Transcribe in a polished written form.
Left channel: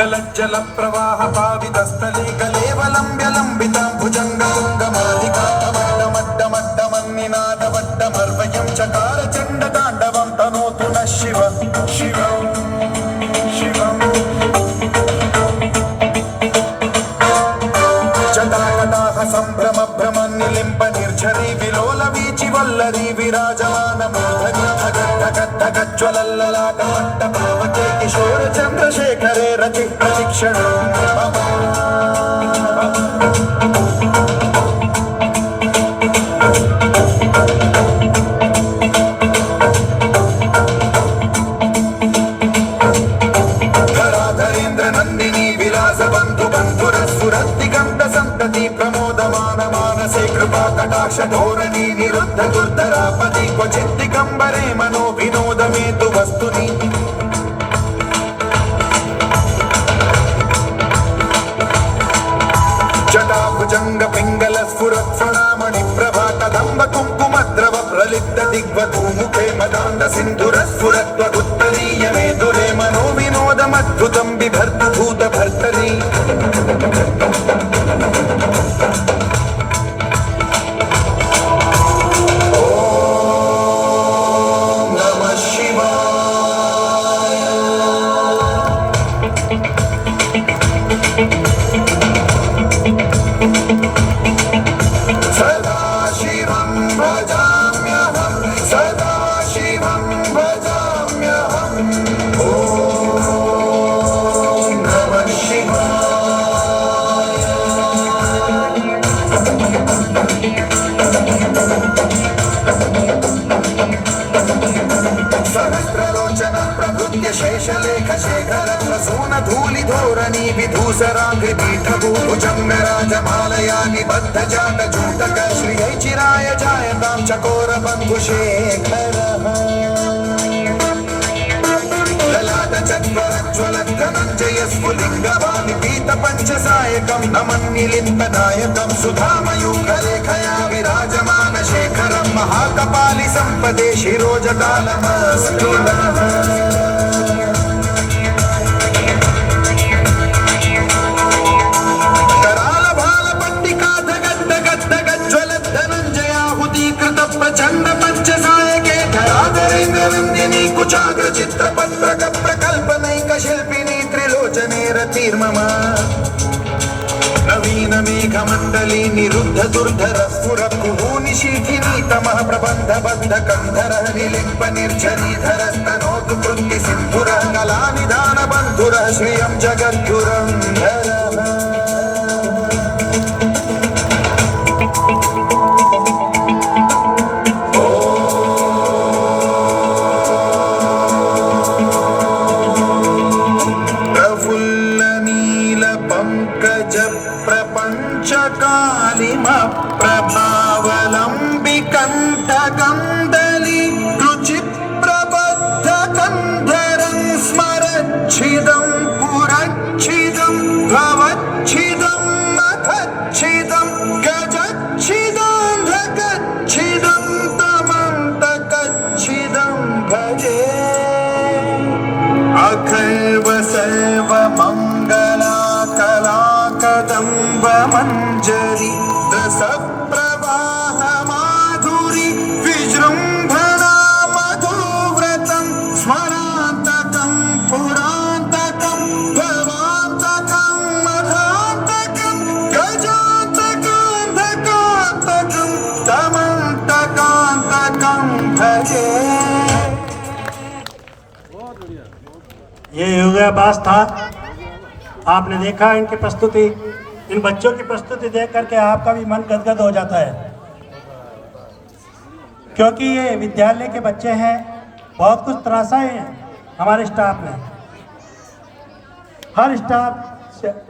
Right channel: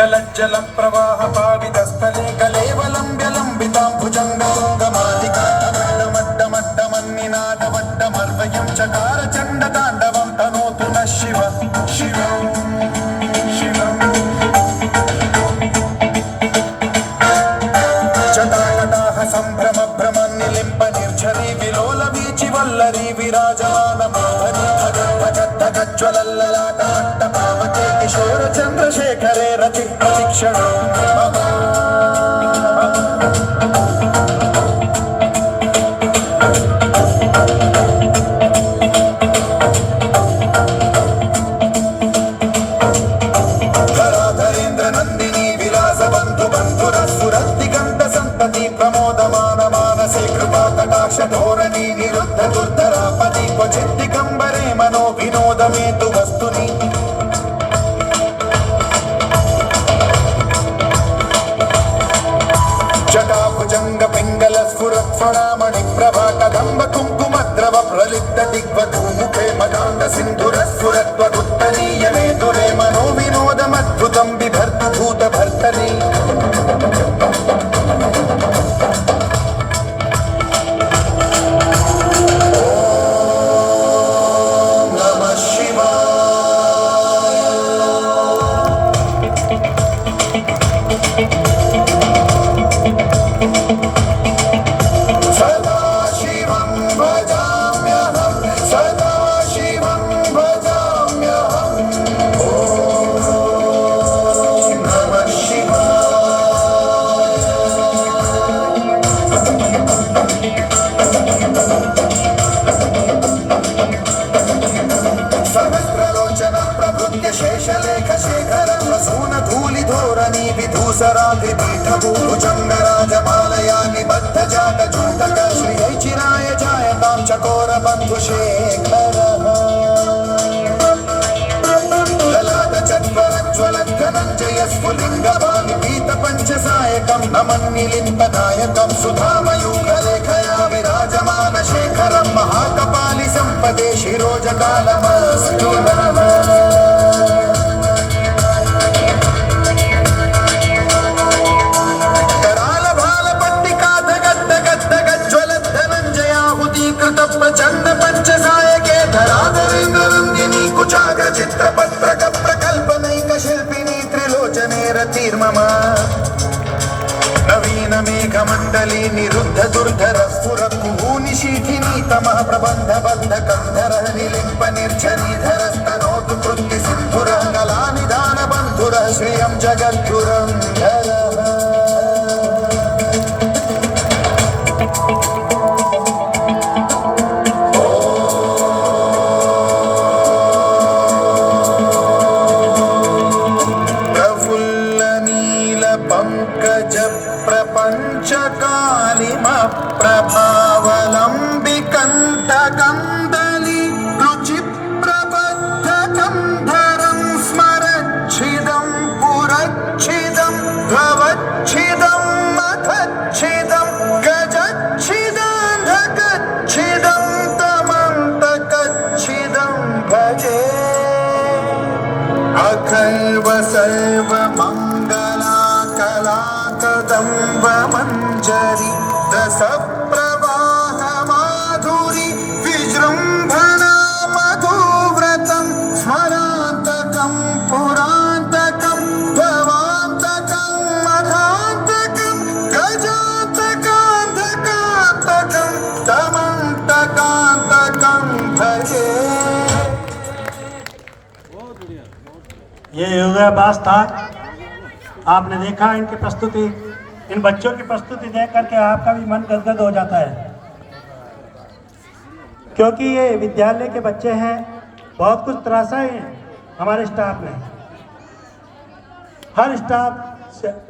लज्जल प्रवाह पावितस्थले कलेवलम्ब्यलम्बितां भुजङ्गतुङ्गमालिकामड्डमड्डमड्डमन्निनादवड्डमर्वयं चकार चण्डताण्डवं तनोतु नः शिव शिवम् जटावताः सम्भ्रम भ्रमन्निलिम्ब निर्झरी विलोल वीचि वल्लरी विराजमान ज्वलल्ललाटे किशोर चंद्रशेखरे रति प्रशिक्षण धराधरेन्द्र नंदिनी विलास बंधु बंधुरस्फुरद्दिगंत संतति प्रमोदमान मानसे कृपा कटाक्ष धोरणी निरुद्ध दुर्धरापति क्वचित् दिगंबरे मनो विनोदमेतु वस्तुनि जटाभुजंग पिंगल स्फुरत् फणामणि प्रभा कदंब कुंकुमद्रव प्रलिप्त दिग्वधूमुखे मदान्ध सिन्धुरस्फुरत्वगुत्तरीयमे दुरे मनो विनोदमद्भुतं बिभर्तु भूत भर्तरी शेषलेख शेखर प्रसून धूलि धोरणी विधूसराग्रि पीठभूभुजंग राजमालया निबद्ध जाट जूटक श्रियै चिराय जायतां चकोर बंधु शेखर ललाट चत्वर ज्वलत् धनञ्जय स्फुलिङ्गवानि पीत पंचसायकं नमन्निलिम्ब नायकं सुधामयूख लेखया विराजमान शेखरं महाकपालि संपदे शिरोजकालमस्कृतम् प्रचंड पंचसायके धराधरेन्द्र नंदिनी कुचाग्र चित्रपत्रक प्रकल्पनैक शिल्पिनी त्रिलोचने रतिर्मम नवीन मेघमण्डली निरुद्ध दुर्धर स्फुर कुहूनि शीठिनी तमः प्रबन्ध बन्ध कंधर निलिम्ब निर्झरी धरस्तनोतु कृत्ति सिन्धुर कलानिधान बन्धुर श्रियं जगद्गुरं पंकज प्रपंच कालिम प्रभावलंबि कंठ कंदली रुचि प्रबद्ध कंधरं स्मरच्छिदं पुरच्छिदं भवच्छिदं मखच्छिदं गजच्छिदान्धकच्छिदं तमन्तकच्छिदं भजे अखैव सर्व मंगला कलाकदम्ब मंजरी रस प्रवाह माधुरी विजृंभणा मधुव्रतं स्मरान्तकं पुरान्तकं भवान्तकं मधान्तकं गजान्तकान्तकान्तकं तमन्तकान्तकं भजे। ये योगाभ्यास था। आपने देखा इनकी प्रस्तुति, इन बच्चों की प्रस्तुति देख करके आपका भी मन गदगद हो जाता है, क्योंकि ये विद्यालय के बच्चे हैं। बहुत कुछ तराशा है हमारे स्टाफ ने, हर स्टाफ